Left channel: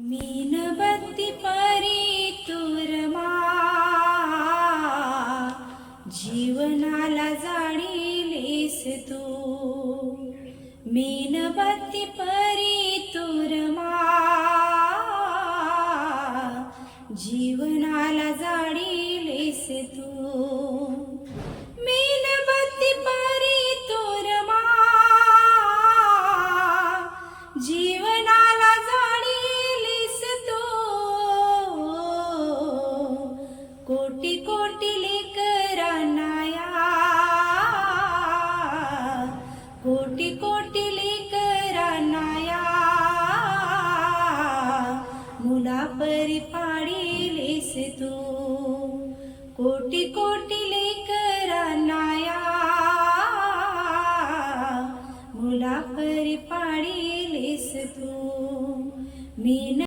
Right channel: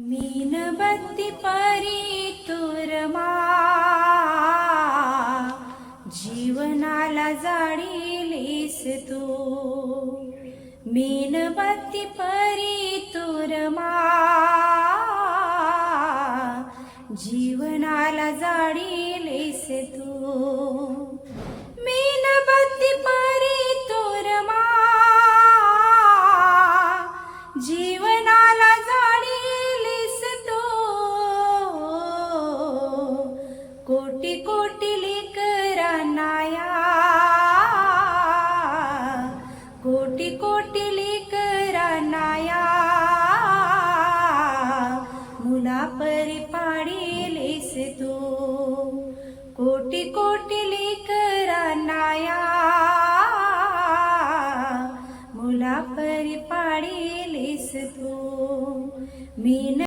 मीनबत्ती परी तुरमा जीवनाला जाळीलीस तू. मीनबत्ती परी तुरमा जीवनाला जाळीलीस तू. मीनबत्ती परी तुरमा जीवनाला जाळीलीस तू. कोटी कोटी लेकरांना या, कोटी कोटी लेकरांना या मुलापरी पाडिलीस तू. कोटी कोटी लेकरांना